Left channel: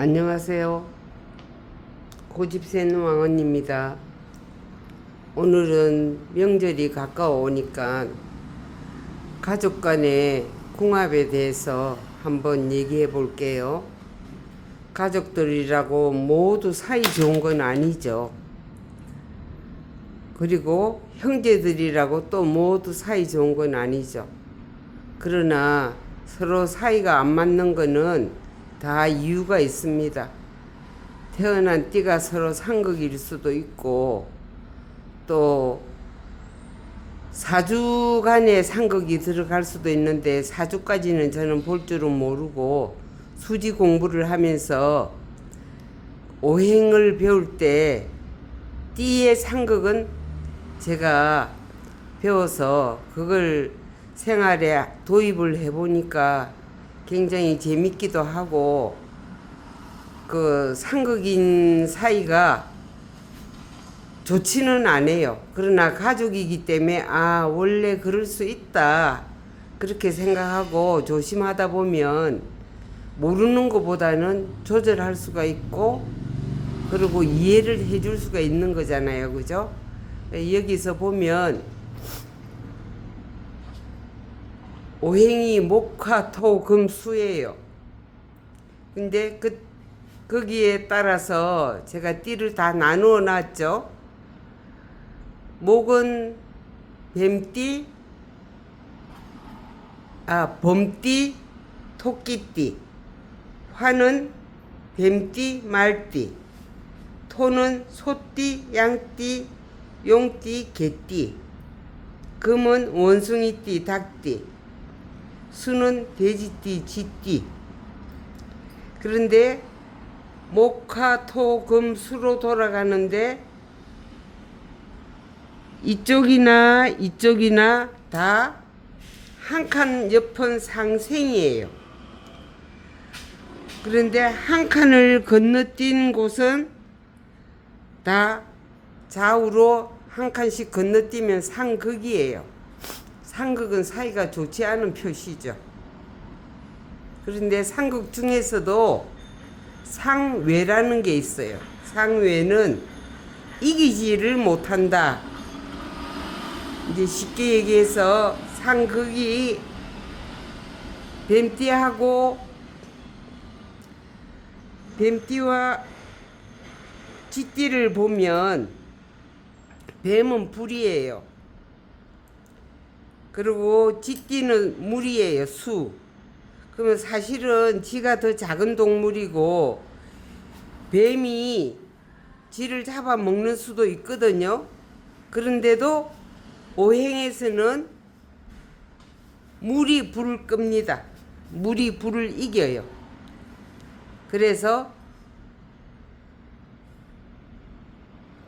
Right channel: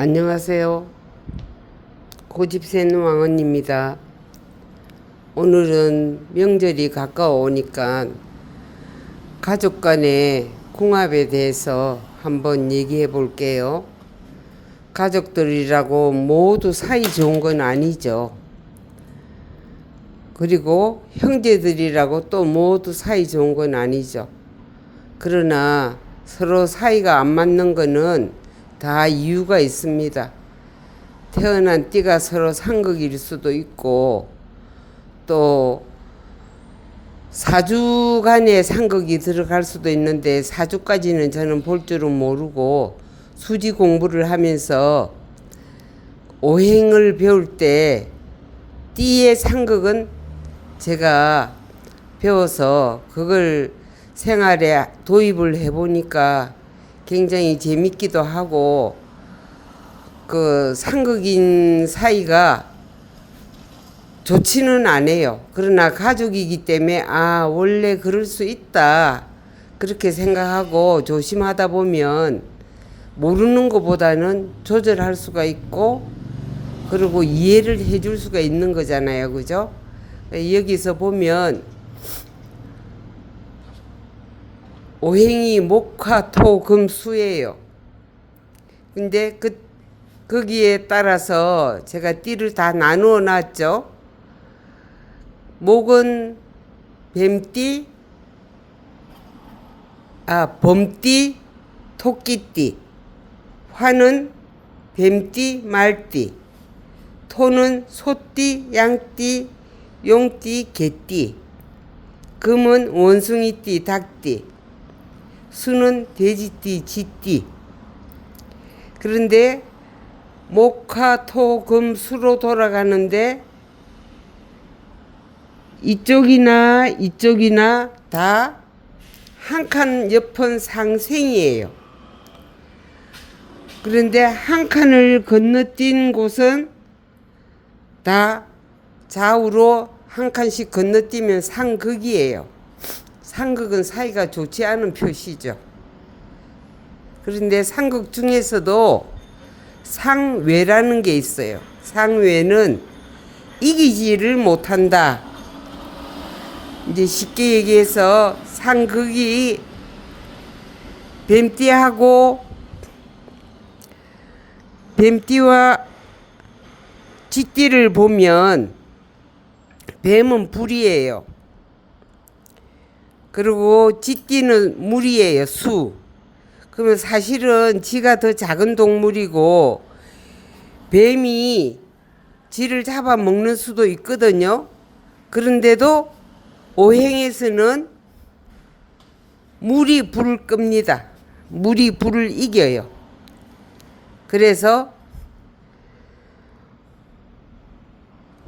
안녕하세요. 고집센 왕언입니다. 오늘은 명절이 가까워오니까 가족 간의 궁합에 대해서 한번 얘기해 볼게요. 가족들이라고 모두 사이 좋은 건 아니죠. 그리고 형제들이라고 또 모두 사이 좋은 건 아니죠. 그러나 서로 사이가 안 맞는 거는 다 이유가 있습니다. 태어난 띠가 서로 상극일 수도 있고, 또 사주 간에 상극이 들어갈 수도 있는데, 사주까지는 저는 볼 줄은 모르고 수지 공부를 하면서 오행을 배울 때 띠의 상극은 제가 배워서 그걸 생활에 도입을 해보니까 굉장히 재밌기도 하고, 그 상극인 사이가 좋지는 않아요. 그러나 가족이기 때문에 원래 그럴 수 있다 그렇게 생각하고 조심하다 보면 모르는 것보다는 조절할 수가 있고, 그리고 이해를 해줄 수가 있는 거잖아요. 그죠? 여기서 보면 오행이 목화 토 금 수예요. 근데 거기에 따라서 제가 띠를 다 나누어 놨죠. 목은 뱀띠, 범띠, 토끼띠. 화는 뱀띠, 말띠. 토는 소띠, 양띠, 용띠, 개띠. 금은 원숭이띠, 닭띠. 수는 돼지띠, 쥐띠. 그런데 목화 토 금 수로 돌아가는데 이쪽이나 다 한 칸 옆은 상생이에요. 그런데 한 칸을 건너뛴 곳은 다 좌우로 한 칸씩 건너뛰면 상극이에요. 상극은 사이가 좋지 않은 표시죠. 그런데 상극 중에서도 상외라는 게 있어요. 상외는 이기지를 못한다. 이제 쉽게 얘기해서 상극이 뱀띠와 쥐띠를 보면 뱀은 불이에요. 그리고 쥐띠는 물이에요. 수. 그러면 사실은 쥐가 더 작은 동물이고 뱀이 쥐를 잡아먹는 수도 있거든요. 그런데도 오행에서는 물이 불을 끕니다. 물이 불을 이겨요. 그래서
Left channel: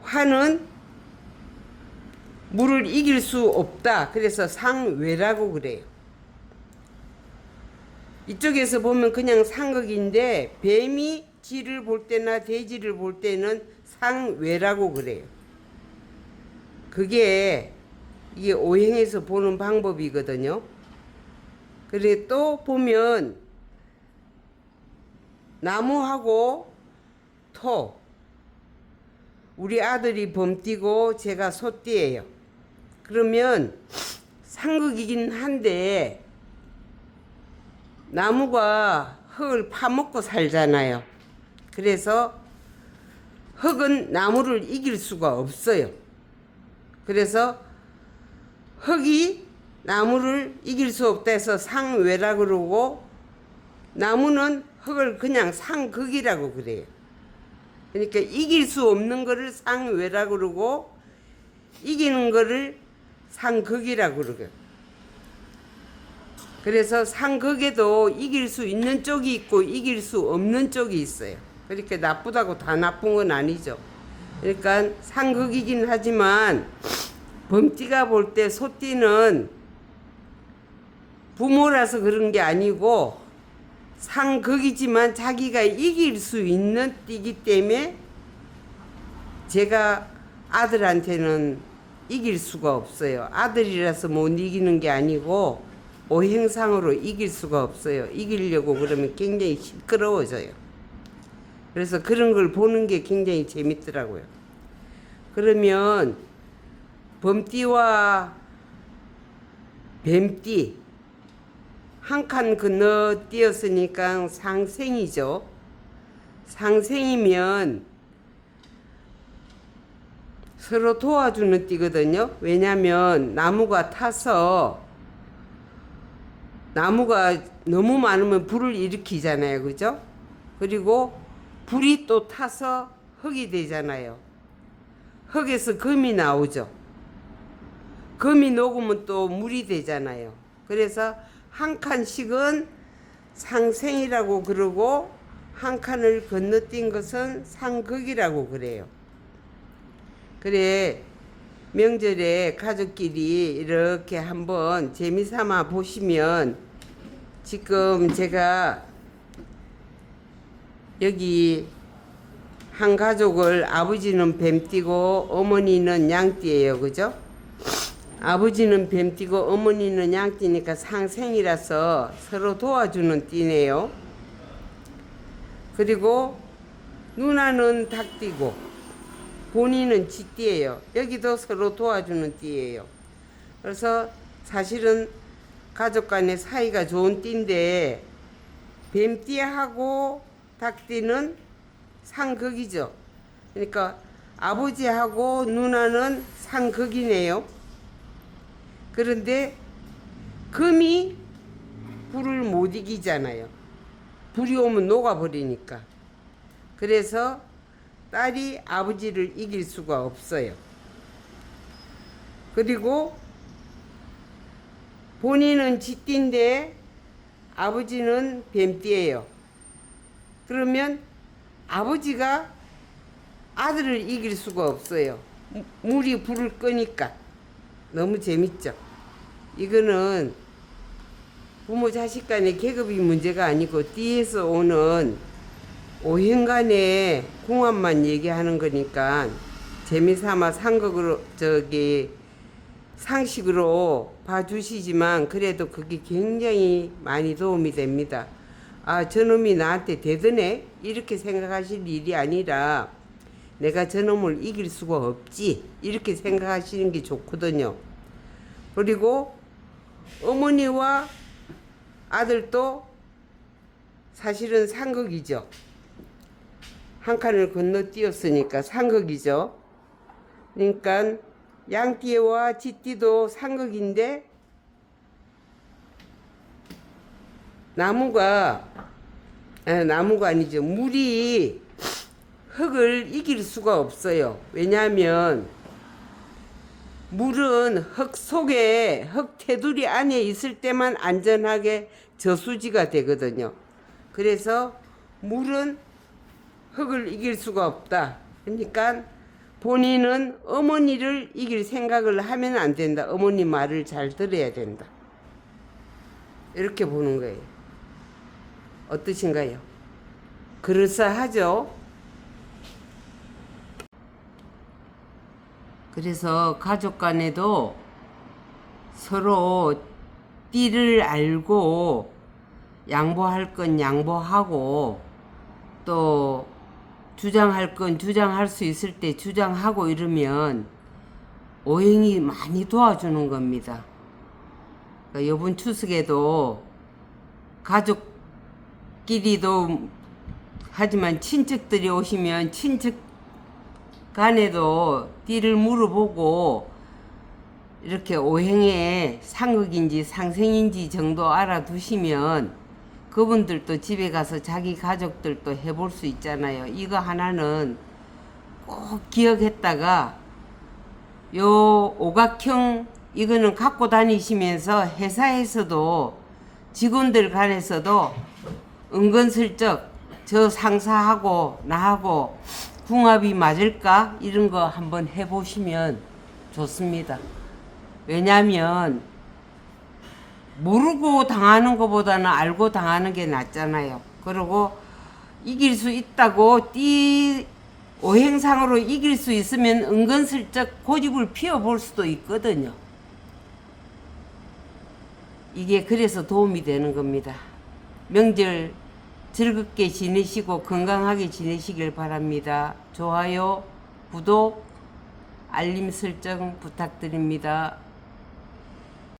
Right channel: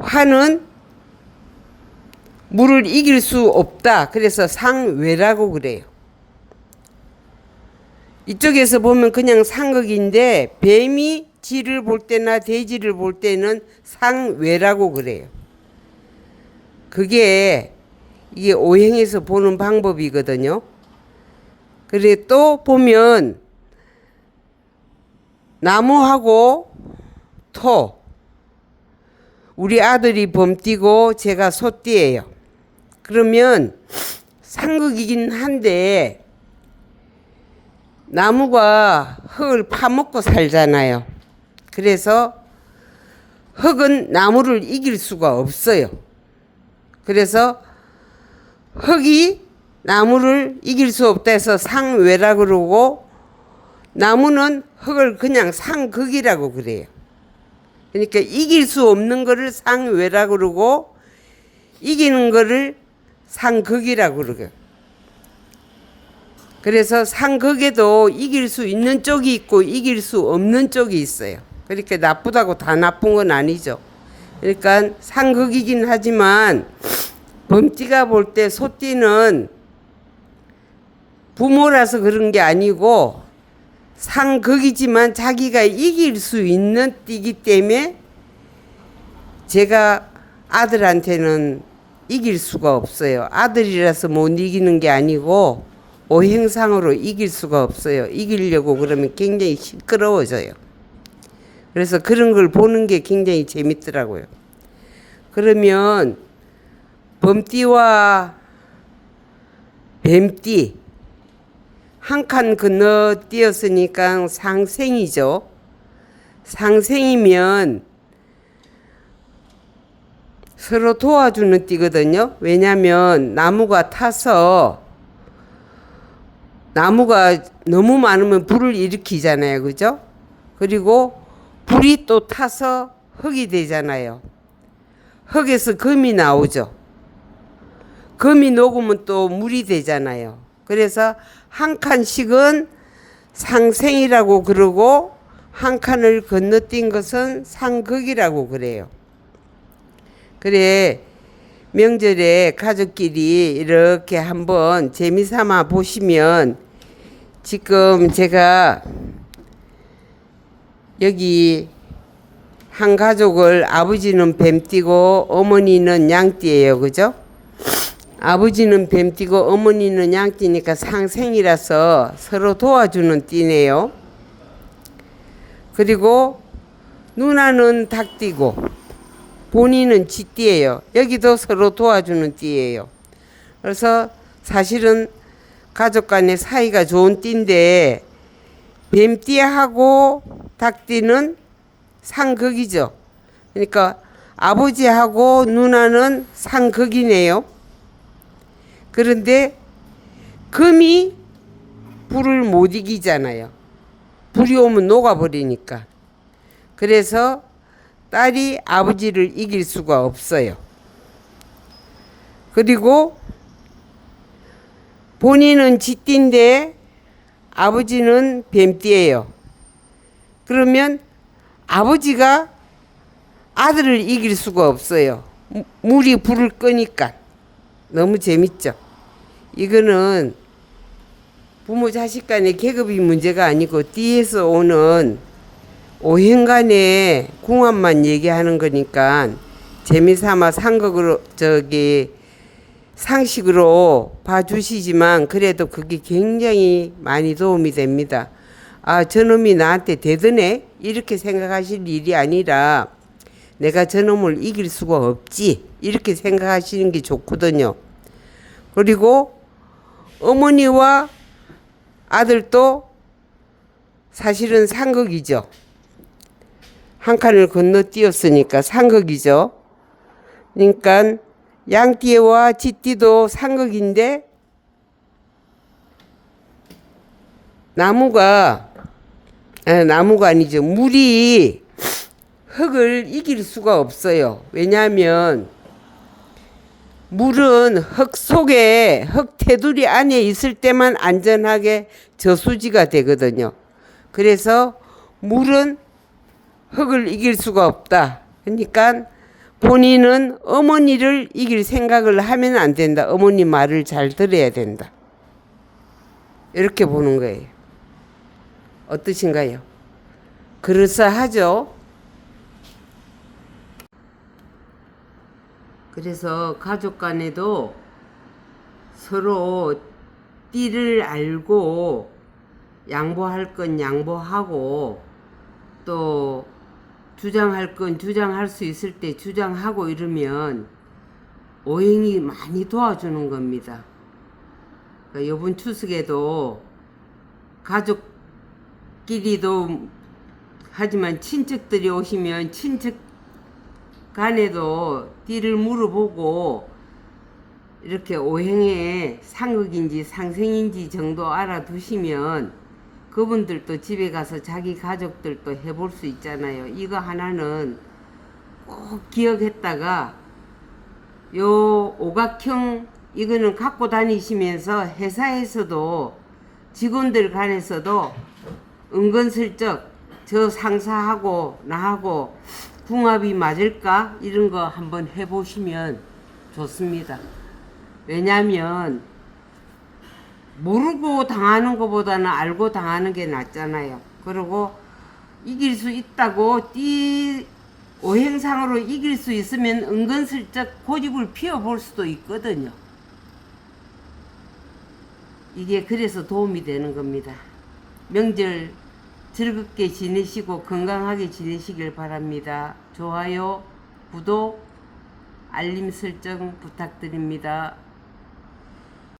화는 물을 이길 수 없다. 그래서 상외라고 그래요. 이쪽에서 보면 그냥 상극인데 뱀이 쥐를 볼 때나 돼지를 볼 때는 상외라고 그래요. 그게 이게 오행에서 보는 방법이거든요. 그래 또 보면 나무하고 토. 우리 아들이 범띠고 제가 소띠예요. 그러면 상극이긴 한데 나무가 흙을 파먹고 살잖아요. 그래서 흙은 나무를 이길 수가 없어요. 그래서 흙이 나무를 이길 수 없다 해서 상외라 그러고, 나무는 흙을 그냥 상극이라고 그래요. 그러니까 이길 수 없는 거를 상외라 그러고 이기는 거를 상극이라고 그러고요. 그래서 상극에도 이길 수 있는 쪽이 있고 이길 수 없는 쪽이 있어요. 그러니까 나쁘다고 다 나쁜 건 아니죠. 그러니까 상극이긴 하지만 범띠가 볼 때 소띠는 부모라서 그런 게 아니고 상극이지만 자기가 이길 수 있는 띠기 때문에 제가 아들한테는 이길 수가 없어요. 아들이라서 못 이기는 게 아니고 오행상으로 이길 수가 없어요. 이기려고 그러면 굉장히 시끄러워져요. 그래서 그런 걸 보는 게 굉장히 재밌더라고요. 그러면 범띠와 뱀띠 한 칸 건너뛰었으니까 상생이죠. 상생이면 서로 도와주는 띠거든요. 왜냐하면 나무가 타서 나무가 너무 많으면 불을 일으키잖아요. 그죠? 그리고 불이 또 타서 흙이 되잖아요. 흙에서 금이 나오죠. 금이 녹으면 또 물이 되잖아요. 그래서 한 칸씩은 상생이라고 그러고 한 칸을 건너뛴 것은 상극이라고 그래요. 그래 명절에 가족끼리 이렇게 한번 재미삼아 보시면 지금 제가 여기 한 가족을 아버지는 뱀띠고 어머니는 양띠예요. 그죠? 아버지는 뱀띠고 어머니는 양띠니까 상생이라서 서로 도와주는 띠네요. 그리고 누나는 닭띠고 본인은 쥐띠예요. 여기도 서로 도와주는 띠예요. 그래서 사실은 가족 간의 사이가 좋은 띠인데 뱀띠하고 닭띠는 상극이죠. 그러니까 아버지하고 누나는 상극이네요. 그런데 금이 불을 못 이기잖아요. 불이 오면 녹아버리니까. 그래서 딸이 아버지를 이길 수가 없어요. 그리고 본인은 쥐띠인데 아버지는 뱀띠예요. 그러면 아버지가 아들을 이길 수가 없어요. 물이 불을 끄니까. 너무 재밌죠. 이거는 부모 자식 간의 계급이 문제가 아니고 띠에서 오는 오행간의 궁합만 얘기하는 거니까 재미삼아 상극으로 상식으로 봐주시지만 그래도 그게 굉장히 많이 도움이 됩니다. 아, 저놈이 나한테 대드네 이렇게 생각하실 일이 아니라 내가 저놈을 이길 수가 없지 이렇게 생각하시는 게 좋거든요. 그리고 어머니와 아들도 사실은 상극이죠. 한 칸을 건너뛰었으니까 상극이죠. 그러니까 양띠와 쥐띠도 상극인데 나무가 아니죠. 물이 흙을 이길 수가 없어요. 왜냐하면 물은 흙 속에 흙 테두리 안에 있을 때만 안전하게 저수지가 되거든요. 그래서 물은 흙을 이길 수가 없다. 그러니까 본인은 어머니를 이길 생각을 하면 안 된다. 어머니 말을 잘 들어야 된다. 이렇게 보는 거예요. 어떠신가요? 그럴싸하죠? 그래서 가족 간에도 서로 띠를 알고 양보할 건 양보하고 또 주장할 건 주장할 수 있을 때 주장하고 이러면 오행이 많이 도와주는 겁니다. 그러니까 이번 추석에도 가족끼리도 하지만 친척들이 오시면 친척 간에도 띠를 물어보고 이렇게 오행의 상극인지 상생인지 정도 알아두시면 그분들도 집에 가서 자기 가족들도 해볼 수 있잖아요. 이거 하나는 꼭 기억했다가 요 오각형 이거는 갖고 다니시면서 회사에서도 직원들 간에서도 은근슬쩍 저 상사하고 나하고 궁합이 맞을까? 이런 거 한번 해보시면 좋습니다. 왜냐면 모르고 당하는 것보다는 알고 당하는 게 낫잖아요. 그리고 이길 수 있다고 오행상으로 이길 수 있으면 은근슬쩍 고집을 피워볼 수도 있거든요. 이게 그래서 도움이 되는 겁니다. 명절 즐겁게 지내시고 건강하게 지내시길 바랍니다. 좋아요, 구독, 알림 설정 부탁드립니다.